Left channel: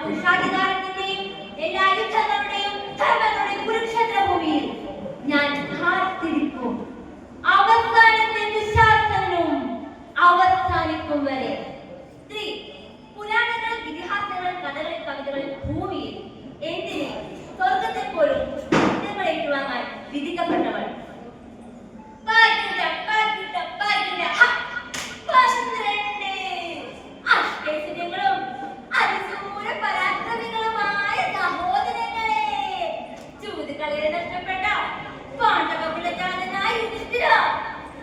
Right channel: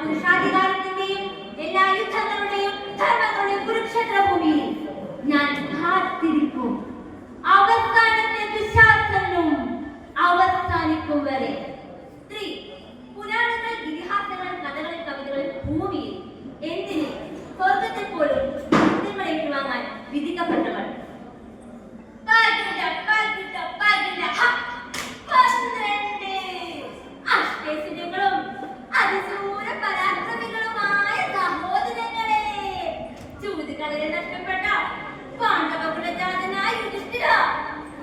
പുരുഷാധികാരത്തിന്റെയും എല്ലാ യുദ്ധങ്ങളുടെയും ധർമ്മങ്ങളുടെയും കുരുക്ഷേത്ര ഭൂമിയിൽ ഞാൻ കാത്തിരിക്കും. അവസാനത്തെ ദുശാസനവും അവസാനിക്കും വരെ. പുരാണങ്ങൾ, ഇതിഹാസങ്ങൾ, കഥകൾ, കവിതകൾ ഭൂമിയിൽ എന്തിന് സ്വർഗത്തിൽ പോലും യുദ്ധങ്ങൾ ഏറ്റുവാങ്ങാൻ വിധിക്കപ്പെട്ടവൾ. അഷ്ടൈശ്വര്യങ്ങളും അതിസൂര പരാക്രമികളുമായ സഹോദരങ്ങളെ, ചൂതുകളിൽ നഷ്ടപ്പെട്ട പാണ്ഡവകുലജാതനായ യുധിഷ്ഠിര,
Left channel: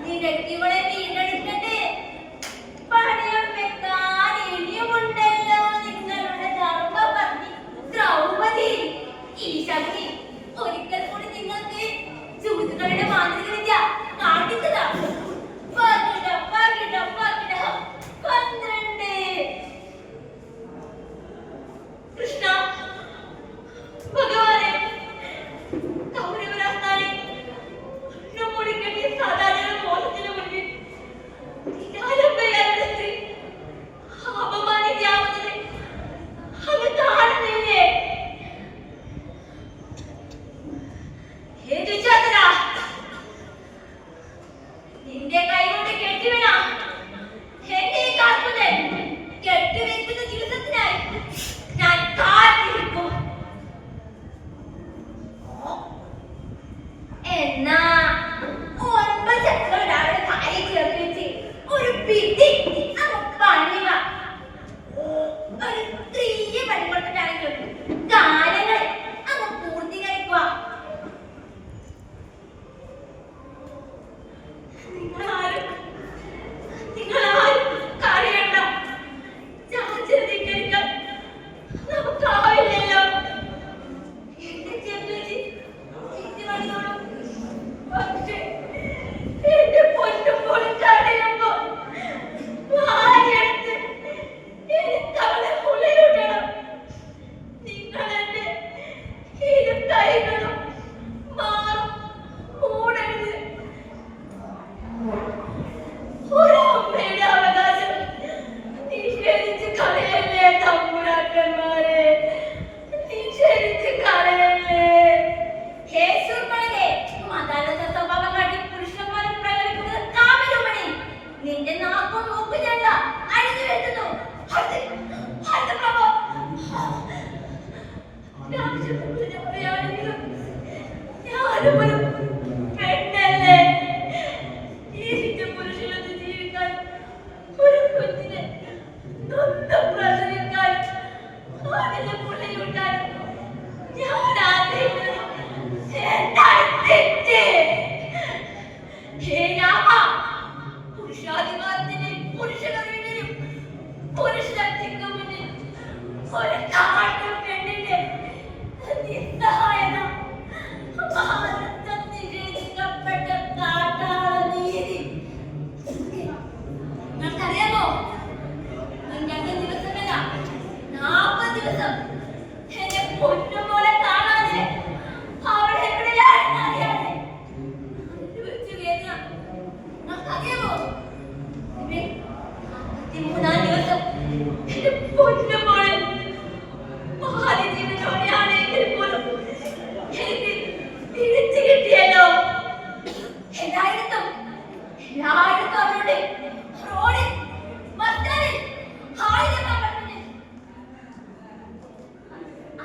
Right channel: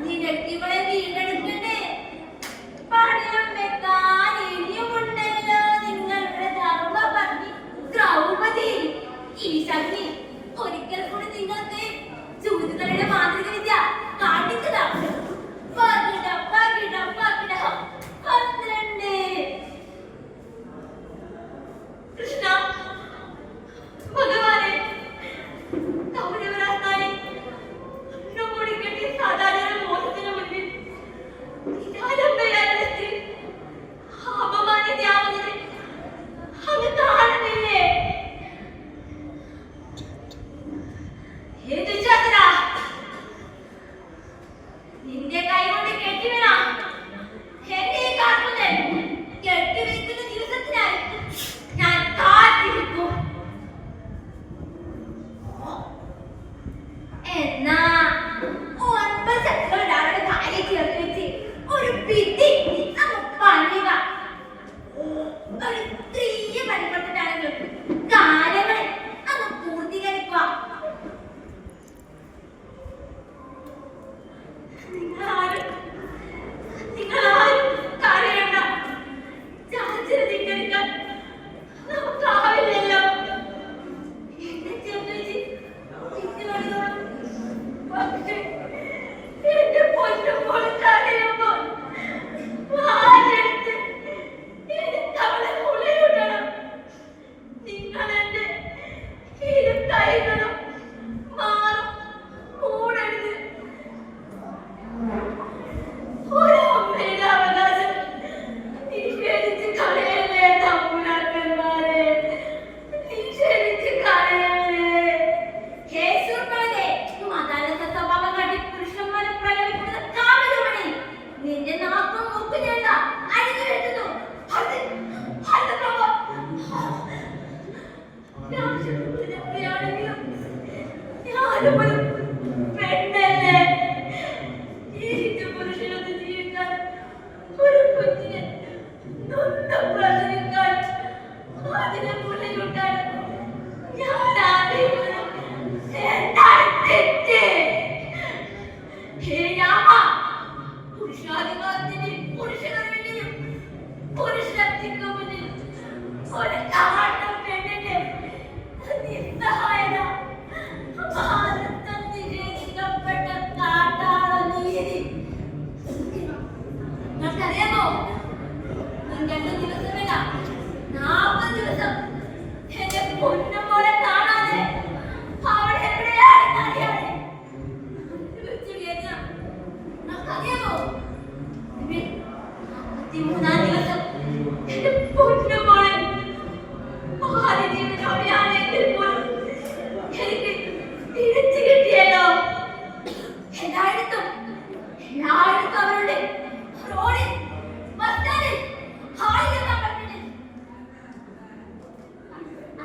നിനക്കിവളെ വീണ്ടെടുക്കണ്ടേ? പണയം വെക്കാൻ ഇനിയുമുണ്ടല്ലോ നിങ്ങളുടെ ധർമ്മപത്നി ദ്രൗപദി. ഈ ശക്തി ഒരിക്കൽ കൂടി നിങ്ങൾക്ക് ചൂതുകളുടെ മാന്ത്രിക വിദ്യ കാണിച്ചതാ. കൃഷ്ണ ഭഗവാനെ, കൗരവരാസ്ഥാനെ നമ്മുടെ കെട്ടിയ സാധാരണ മോഹത്തിന് മുൻപിൽ നിരാലംബയായ സ്ത്രീ അപമാനിക്കാവുന്നത് അത് കാണുന്നില്ലേ? ഹേ ദുശ്ശാസന, നിന്റെ കൈ കൊണ്ട് കെട്ടിവീണ എന്നെ കാക്കുന്നത് കെട്ടിവെക്കുന്ന ദിവസത്തിനായി ഞാൻ കാത്തിരിക്കും. എന്നാ 9 ചക്രങ്ങളുടെ അവരുടെ കാലിൽ ചേർത്ത് വെച്ച് ഒരു വിധി പണിവ. ഒരു സ്ത്രീയെ പരിപ്പെടുത്തിട്ടാണെങ്കിലും കാര്യങ്ങൾ അങ്ങ് പൂർത്തീകരിക്കുക. നിങ്ങളാരും കാര്യണ്ട. ചാചരിക്കാൻ നമുക്കാവില്ലല്ലോ. എന്നെ ചേർത്ത് വെച്ച് പക്ഷേ എന്റെ പൊന്നും പൊളിച്ചറിയുമ്പോ വായെടുത്ത് അവളെ മുളയിടണം. നിങ്ങൾ എന്റെ ഇരു കൈകളും മാറും മൂടരുത്. ഒരമ്മയുടെ അവകാശം നിഷേധിച്ച് കളയല്ലേ തമ്പുരാക്കന്മാരെ, നിഷേധിച്ച് കളയല്ലേ. ഹേ ശൂർപ്പണകേ, മാതാവിന്റെ സ്വഭാവം കാട്ടി പുരുഷന്മാരെ പ്രകടിപ്പിക്കുന്ന കാമരൂപണി, നിന്റെ നാക്കും മൂക്കും ഞല്ല അഴിഞ്ഞു വെട്ടുന്നു. ഞാനും ഒരു പെണ്ണല്ലേ. പുരുഷനൊന്ന് ജീവിക്കാൻ, ഒരു കുഞ്ഞിനെ സ്വന്തം പ്രസവിക്കാൻ, അതിനെ മുലയൂട്ടാൻ ഞാൻ ആഗ്രഹിക്കുന്നു. എന്താണ് തെറ്റ്? ഹേ രാമ, പുരുഷാധികാരത്തിന് പുരുഷകർമ്മത്തിനും പുരുഷശക്തിക്കും മുന്നിൽ ഒരു കാട്ടും പെണ്ണിന്റെ നിസ്സഹായത, ഭാരതം നിഷേധിക്കപ്പെട്ട കാട്ടാള നീതി. നിങ്ങൾക്കറിയാമോ, നിങ്ങൾ 2 ദിവസമല്ല 40 ദിവസം എന്നെ പൊന്നുപോലെ കാണാതെ അവിടെ എവിടെയാണ് അറിയാതെ നിങ്ങൾക്കറിയാമോ? 3-ാം ദിവസം എന്റെ പൊന്നുപോലെ മഹാലിജീവിതോടെയാണെങ്കിൽ പോലും എനിക്ക് തിരിച്ചു കിട്ടിയല്ലോ. എല്ലായിടത്തും അവരുടെ റോഡിൽ, ബസ്റ്റാൻഡിൽ, ഹാളിൽ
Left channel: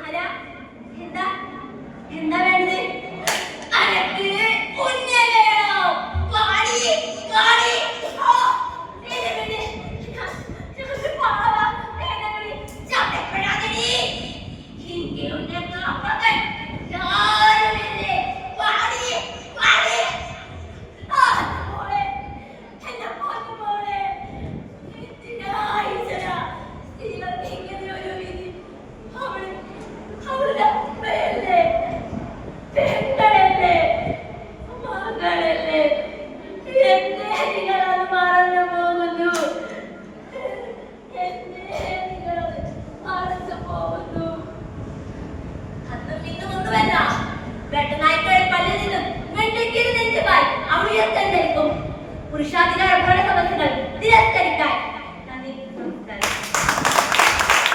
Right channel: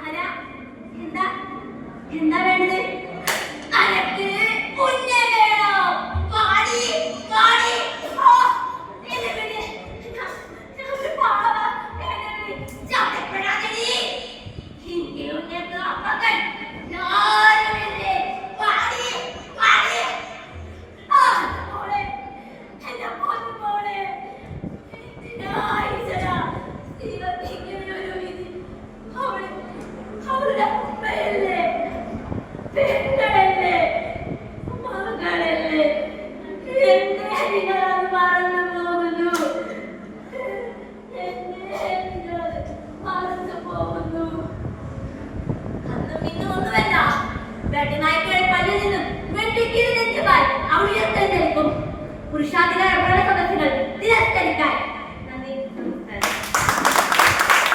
ആരാ? എന്താ വേണ്ടത്? അനക്ക് കുഞ്ഞെ വേണം. വാടി വാടി. പുരുഷാധികാര ഭരണ സമസ്യകൾ തിരസ്കരിക്കാൻ